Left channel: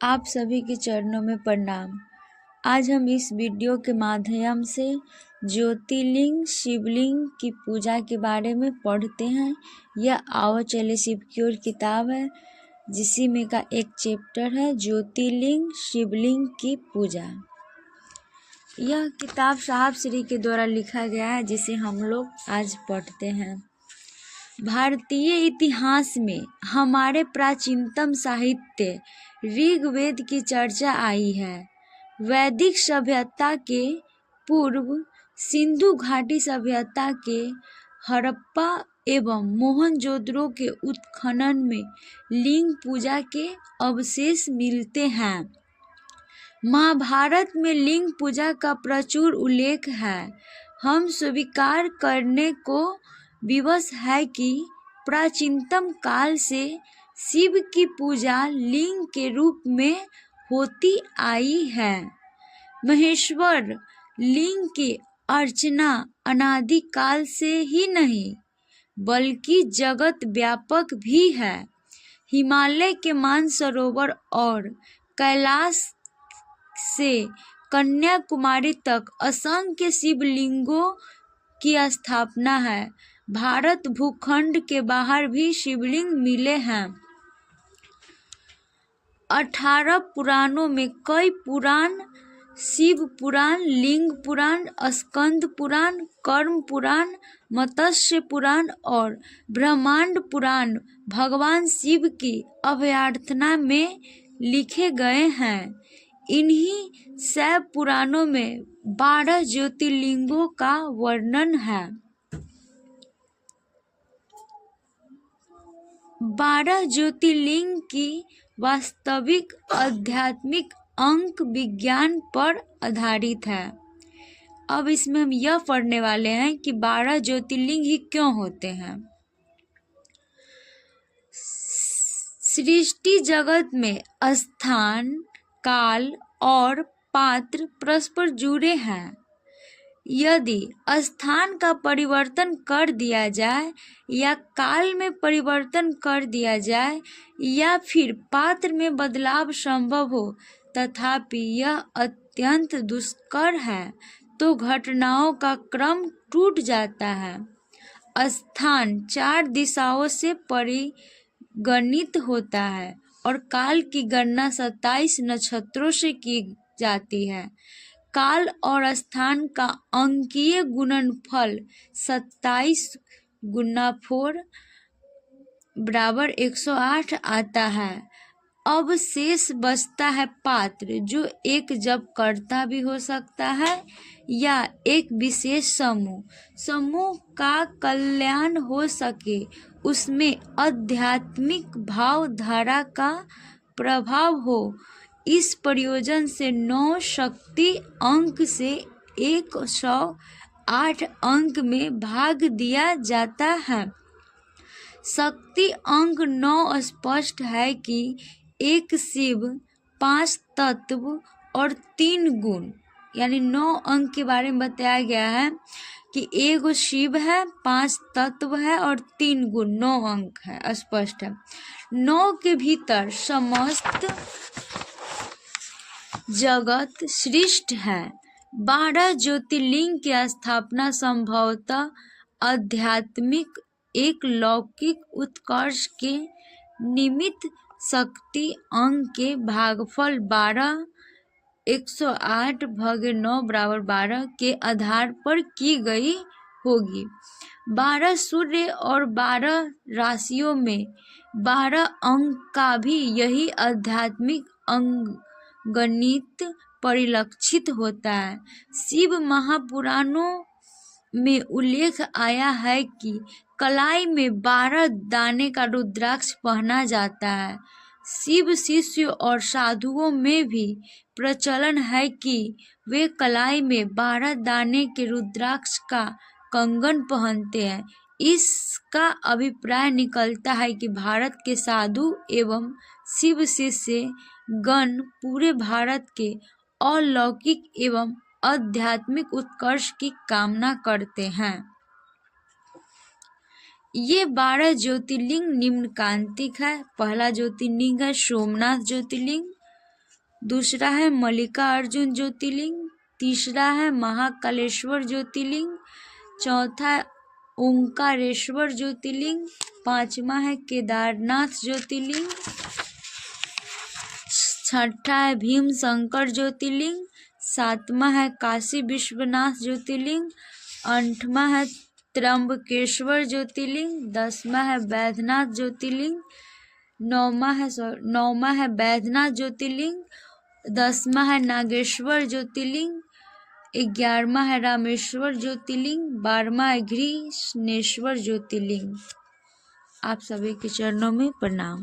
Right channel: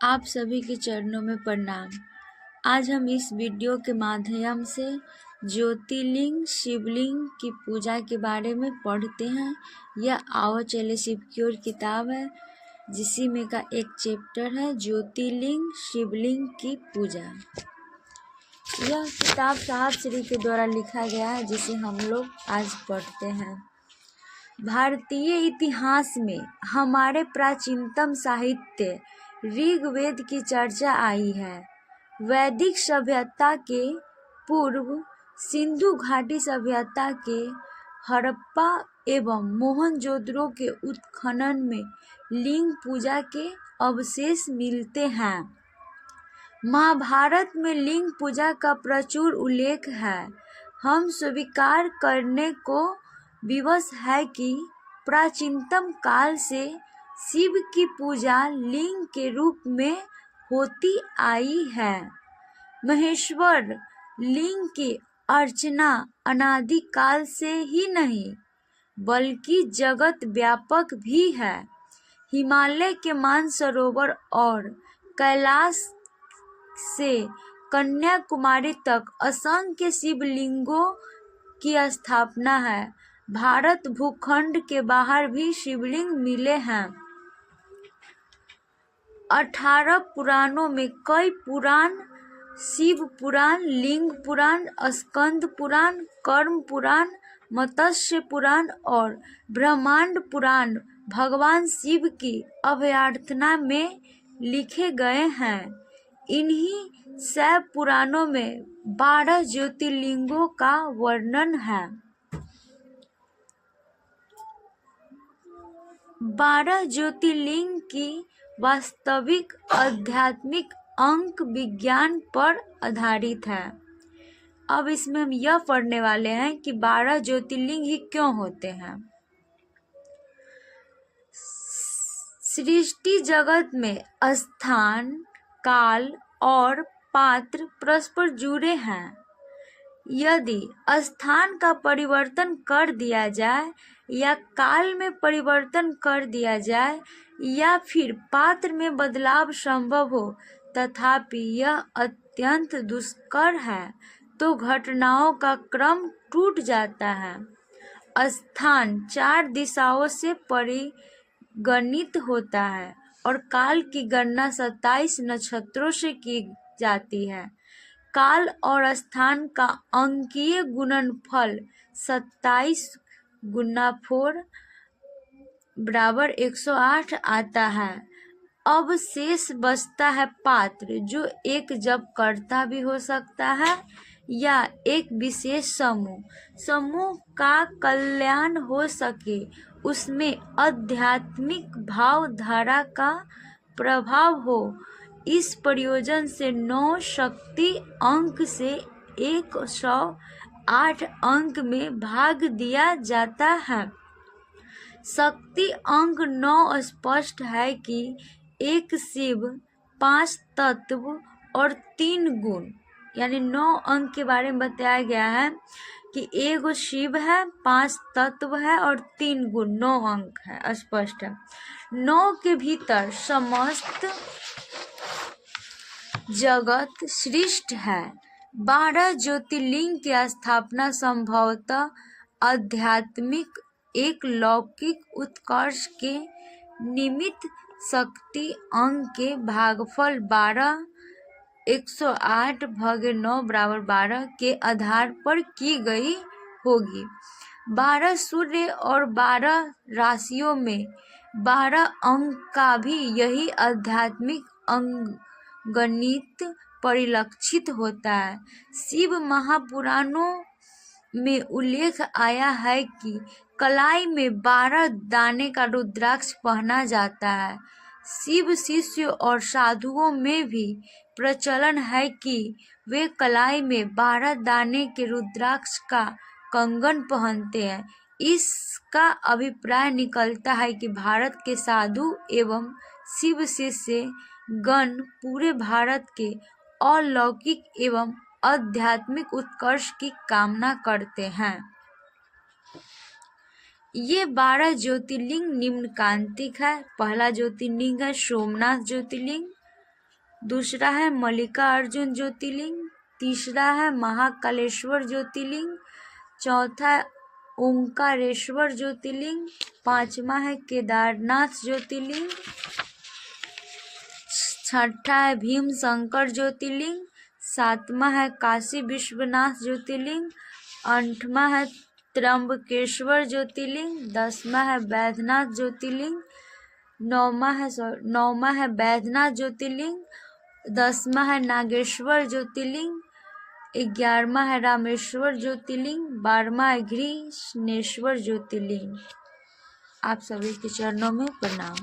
आप सभी के चरणों में प्रणाम। आज हम इस वीडियो के माध्यम से ज्योतिर्लिंग शिवलिंग की पूजा के बारे में पढ़ते हैं। यह आओ चले शिव की ओर किताब है, जिसी में का एक चैप्टर है ज्योतिर्लिंग शिवलिंग की पूजा। यह किताब साहब श्री के द्वारा लिखा गया है, जिसे हम लोग आज पढ़ते हैं। भारतीय इतिहास में हमारे प्राचीनतम साहित्य ऋग्वेद की चर्चा आई है। वैदिक सभ्यता के पूर्व सिंधु घाटी सभ्यता के हड़प्पा एवं मोहनजोदड़ो के उत्खनन में लिंग पूजा के अवशेष मिलते हैं। महाभारत में लिंग पूजा का प्रचुर उल्लेख है। हम स्वीकार करने को विवश है कि प्राचीनतम काल से शिव की पूजा लिंग के रूप में होती आई है। महेश्वर लिंग की अर्चना अनादि काल से ही नहीं बल्कि जगत व्यापक भी है। हिमालय के मानसरोवर और कैलाश से कन्याकुमारी तक असंख्य शिवलिंगों की स्थापना है। भारत भूखंड के बाहर भी शिवलिंग मिले हैं। 18 पुराणों में कई पुराण, शिव पुराण, लिंग पुराण, स्कंद पुराण, कर्म पुराण, मत्स्य पुराण और ब्रह्मांड पुराण भगवान शिव की अभ्यर्थना में लिखे गए हैं। इन्हीं 6 पुराणों में 12 ज्योतिर्लिंगों का वर्णन है। 12 ज्योतिर्लिंग की वास्तविक आध्यात्मिक अंक विज्ञान पर आधारित है। अब इसमें हम यह पढ़ने वाले हैं कि 12 ज्योतिर्लिंग ही क्यों होते हैं। सृष्टि जगत में स्थान, काल और पात्र परस्पर जुड़े हैं। यदि स्थान का परिवर्तन कर दिया जाए या काल में परिवर्तन कर दिया जाए या फिर पात्र में बदलाव संभव हो, तथापि यह अत्यंत दुष्कर है, तो घटनाओं का क्रम टूट जाता है। स्थान 4 दिशाओं से परिगणित होता है और काल की गणना 27 नक्षत्रों से की जाती है। काल और स्थान का अंकीय गुणनफल 27 गुना 4 बराबर 108 आता है। अब शेष बचता है पात्र, जो एक जपकर्ता भी हो सकता है या एक विशेष समूह का कल्याण हो सके, उसमें आध्यात्मिक भावधारा का प्रभाव हो। इस प्रयोजन से 9 शक्ति अंक से 108 अंक में भाग दिया जाता है। शक्ति अंक 9 स्पष्ट है कि एक शिव, 5 तत्व और 3 गुण, यानी 9 अंक के बारे में बताया गया है कि एगो शिव है, 5 तत्व है और 3 गुण, 9 अंक है, स्पष्ट है। 9 के भीतर समस्त जगत सृष्ट है। 12 ज्योतिर्लिंग की स्थापना संभवतः आध्यात्मिक एक लौकिक उत्कर्ष के निमित्त शक्ति अंक के भागफल 12 108 भागे 9 बराबर 12 के आधार पर की गई होगी। 12 सूर्य और 12 राशियों में 12 अंक का भी यही आध्यात्मिक अंगगणित परिलक्षित होता है। शिव महापुराणों में उल्लेख आया है कि कलाई में 12 दाने का रुद्राक्ष पहना जाता है। शिव शिष्यों और साधुओं में भी प्रचलन है कि वे कलाई में 12 दाने के रुद्राक्ष का कंगन पहनते हैं। इसका अभिप्राय निकलता है कि भारत के साधु एवं शिव शिष्य गण पूरे भारत के अलौकिक एवं आध्यात्मिक उत्कर्ष की कामना करते हैं। ये 12 ज्योतिर्लिंग निम्नकांतिक है। पहला ज्योतिर्लिंग है सोमनाथ ज्योतिर्लिंग, दूसरा है मल्लिकार्जुन ज्योतिर्लिंग, तीसरा है महाकालेश्वर ज्योतिर्लिंग, चौथा है ओंकारेश्वर ज्योतिर्लिंग, पांचवा है केदारनाथ ज्योतिर्लिंग, छठा है भीम शंकर ज्योतिर्लिंग, सातवां है काशी विश्वनाथ ज्योतिर्लिंग, आठवां है त्र्यंबकेश्वर ज्योतिर्लिंग, दसवां है बैद्यनाथ ज्योतिर्लिंग, नौवां है बैद्यनाथ ज्योतिर्लिंग, 10वां है नागेश्वर ज्योतिर्लिंग, 11वां है रामेश्वर ज्योतिर्लिंग, 12वां है घृष्णेश्वर ज्योतिर्लिंग। आप सभी के चरणों में प्रणाम।